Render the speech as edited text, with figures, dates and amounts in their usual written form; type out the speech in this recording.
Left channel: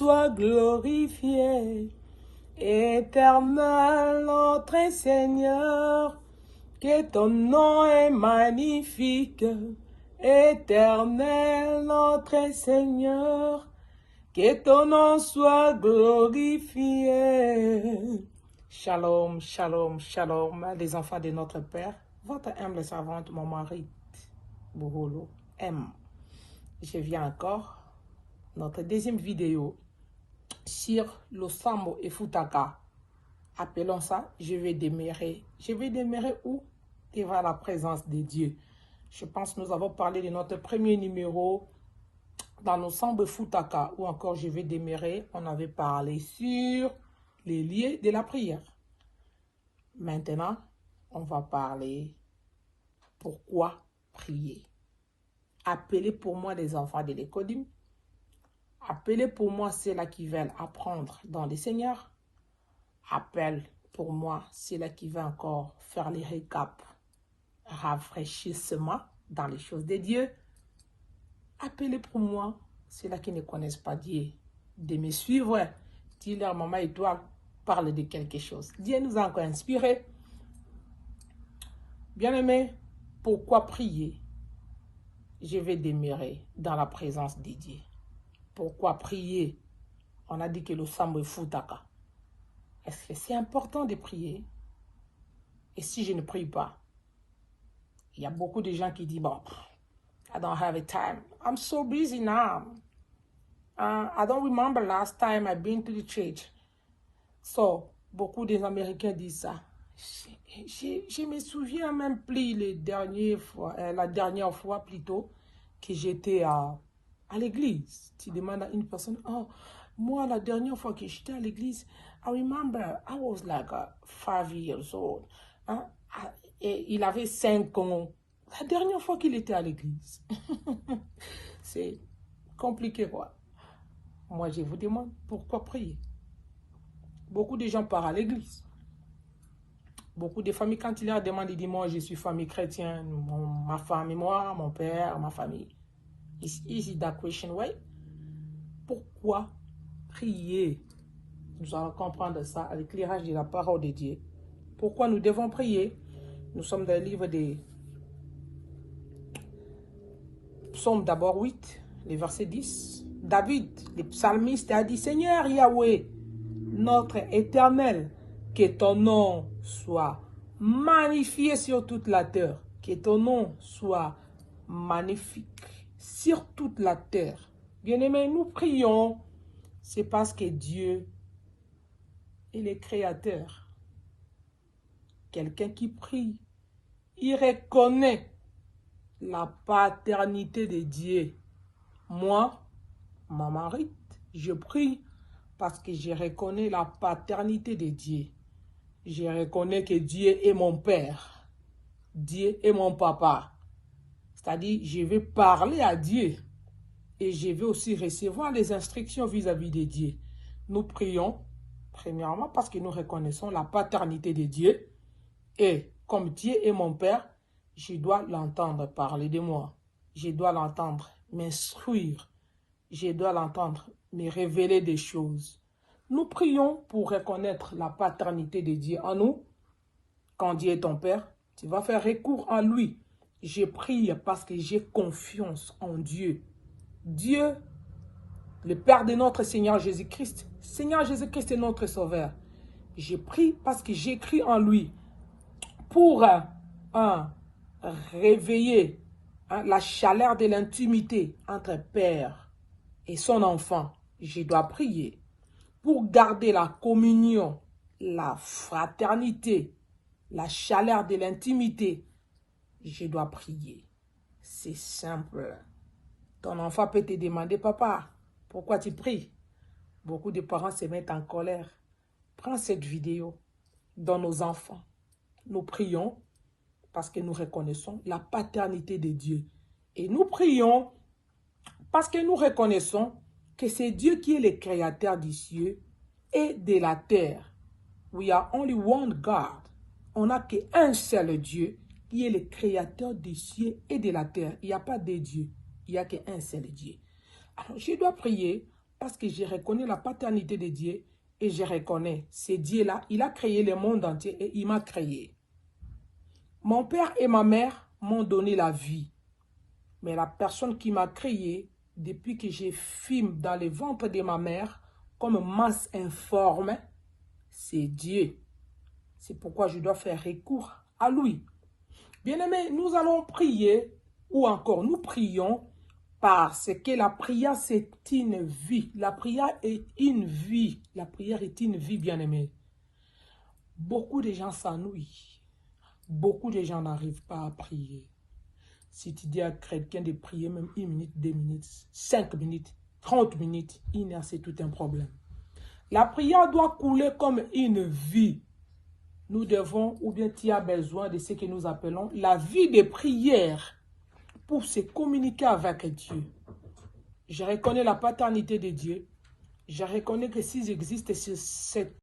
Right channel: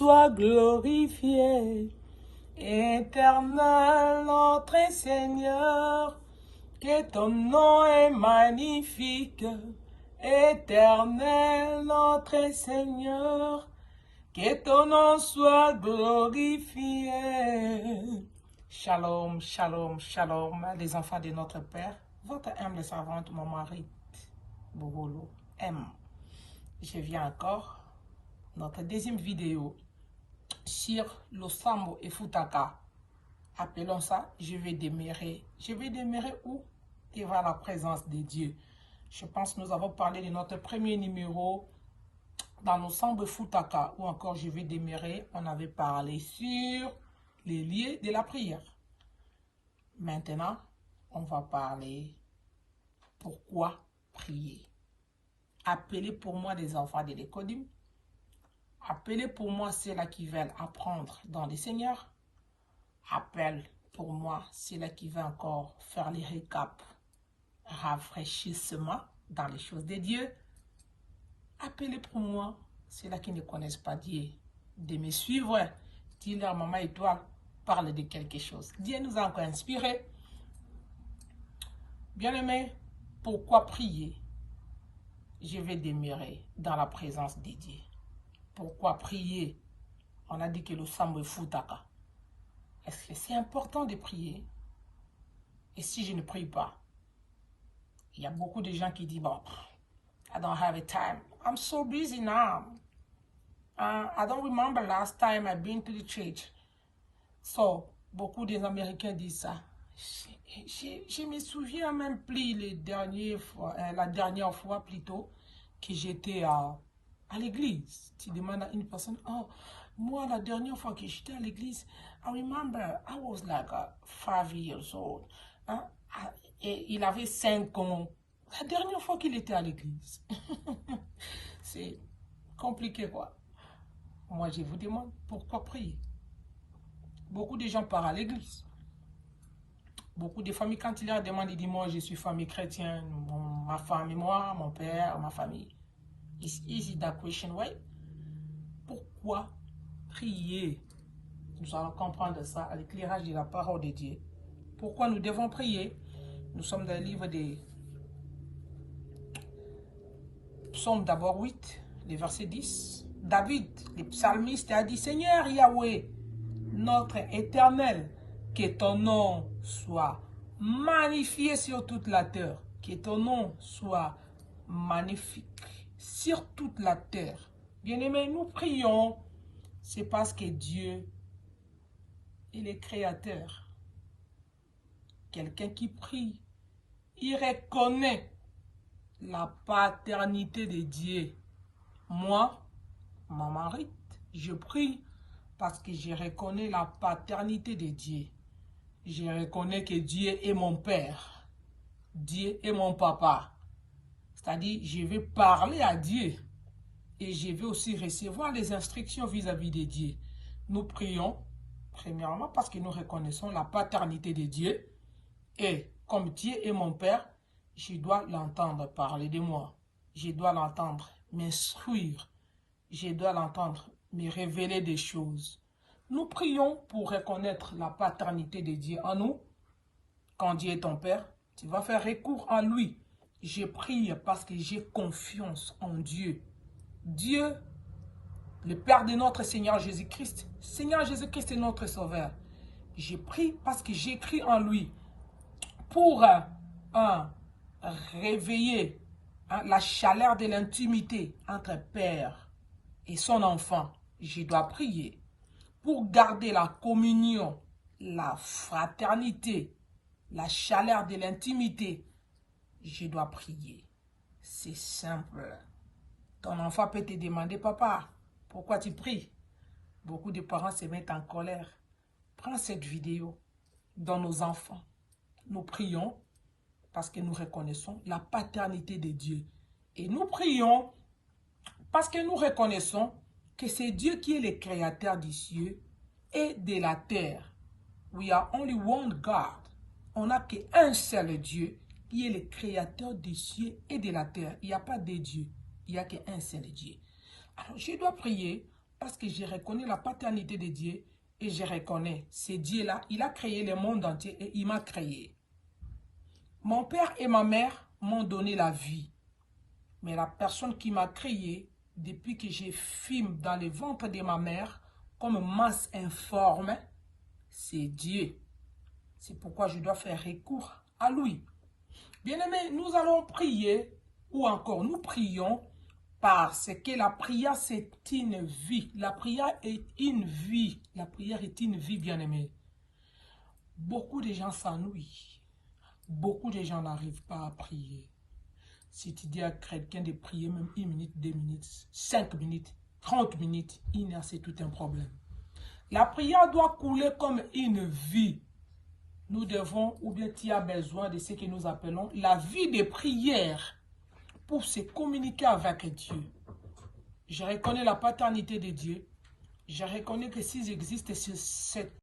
Sois glorifié, Éternel notre Seigneur, que ton nom est magnifique, Éternel notre Seigneur, que ton nom soit glorifié. Shalom, shalom, shalom, les enfants de notre Père, votre humble servante, mon mari, Bourolo M. Je viens encore, notre deuxième vidéo sur le Sambo et Futaka. Appelons ça, je vais demeurer. Je vais demeurer où? Devant la présence de Dieu. Je pense que nous avons parlé de notre premier numéro dans le Sambo Futaka, ou encore je vais demeurer. On avait parlé sur les lieux de la prière. Maintenant, on va parler pourquoi prier. Appelez pour moi les enfants de l'Écodim. Appelez pour moi ceux-là qui veulent apprendre dans le Seigneur. Appelle pour moi ceux-là qui veulent encore faire les récaps, rafraîchissement dans les choses de Dieu. Appelez pour moi ceux-là qui ne connaissent pas Dieu de me suivre. Dis-leur, maman étoile, parle de quelque chose. Dieu nous a encore inspirés. Bien-aimés, pourquoi prier? Je vais demeurer dans la présence de Dieu. Pourquoi prier? On a dit que le Sambo est Futaka. Est-ce que c'est important de prier? Et si je ne prie pas? Il y a beaucoup de gens qui disent, bon, I don't have a time. I'm so busy now. I don't remember last time I've been to the church. So, beaucoup des Américains disent ça. Je me souviens même plus la dernière fois plutôt que j'étais à l'église. Tu demandes à une personne, oh, moi la dernière fois que j'étais à l'église, I remember I was like 5 years old. Et il avait 5 ans. La dernière fois qu'il était à l'église. C'est compliqué, quoi. Moi, je vous demande pourquoi prier. Beaucoup de gens partent à l'église. Beaucoup de familles, quand ils leur demandent, ils disent, moi, je suis famille chrétienne, ma femme et moi, mon père, ma famille. Is easy that question, right? Pourquoi prier? Nous allons comprendre ça avec l'éclairage de la parole de Dieu. Pourquoi nous devons prier? Nous sommes dans le livre des Psaume d'abord 8, le verset 10. David, le psalmiste, a dit, Seigneur Yahweh, notre éternel, que ton nom soit magnifié sur toute la terre. Que ton nom soit magnifique sur toute la terre. Bien-aimés, nous prions, c'est parce que Dieu est le Créateur. Quelqu'un qui prie, il reconnaît la paternité de Dieu. Moi, ma mari, je prie parce que je reconnais la paternité de Dieu. Je reconnais que Dieu est mon Père. Dieu est mon papa. C'est-à-dire, je vais parler à Dieu et je vais aussi recevoir les instructions vis-à-vis de Dieu. Nous prions, premièrement, parce que nous reconnaissons la paternité de Dieu. Et comme Dieu est mon Père, je dois l'entendre parler de moi. Je dois l'entendre m'instruire. Je dois l'entendre me révéler des choses. Nous prions pour reconnaître la paternité de Dieu en nous. Quand Dieu est ton Père, tu vas faire recours à lui. Je prie parce que j'ai confiance en Dieu. Dieu, le Père de notre Seigneur Jésus-Christ. Seigneur Jésus-Christ est notre Sauveur. Je prie parce que j'écris en lui pour réveiller la chaleur de l'intimité entre Père et son enfant. Je dois prier pour garder la communion, la fraternité, la chaleur de l'intimité. Je dois prier. C'est simple. Ton enfant peut te demander, papa, pourquoi tu pries? Beaucoup de parents se mettent en colère. Prends cette vidéo dans nos enfants. Nous prions parce que nous reconnaissons la paternité de Dieu. Et nous prions parce que nous reconnaissons que c'est Dieu qui est le créateur du ciel et de la terre. We are only one God. On n'a qu'un seul Dieu qui est le créateur du ciel et de la terre. Il n'y a pas de Dieu. Il n'y a qu'un seul Dieu. Alors, je dois prier Parce que je reconnais la paternité de Dieu et je reconnais, c'est Dieu-là, il a créé le monde entier et il m'a créé. Mon père et ma mère m'ont donné la vie. Mais la personne qui m'a créé, depuis que je fume dans le ventre de ma mère, comme masse informe, c'est Dieu. C'est pourquoi je dois faire recours à lui. Bien-aimés, nous allons prier, ou encore nous prions, parce que la prière, c'est une vie. La prière est une vie. La prière est une vie, bien-aimés. Beaucoup de gens s'ennuient. Beaucoup de gens n'arrivent pas à prier. Si tu dis à quelqu'un de prier même 1 minute, 2 minutes, 5 minutes, 30 minutes, c'est tout un problème. La prière doit couler comme une vie. Nous devons, ou bien tu as besoin de ce que nous appelons la vie de prière pour se communiquer avec Dieu. Je reconnais la paternité de Dieu. Je reconnais que s'il existe cette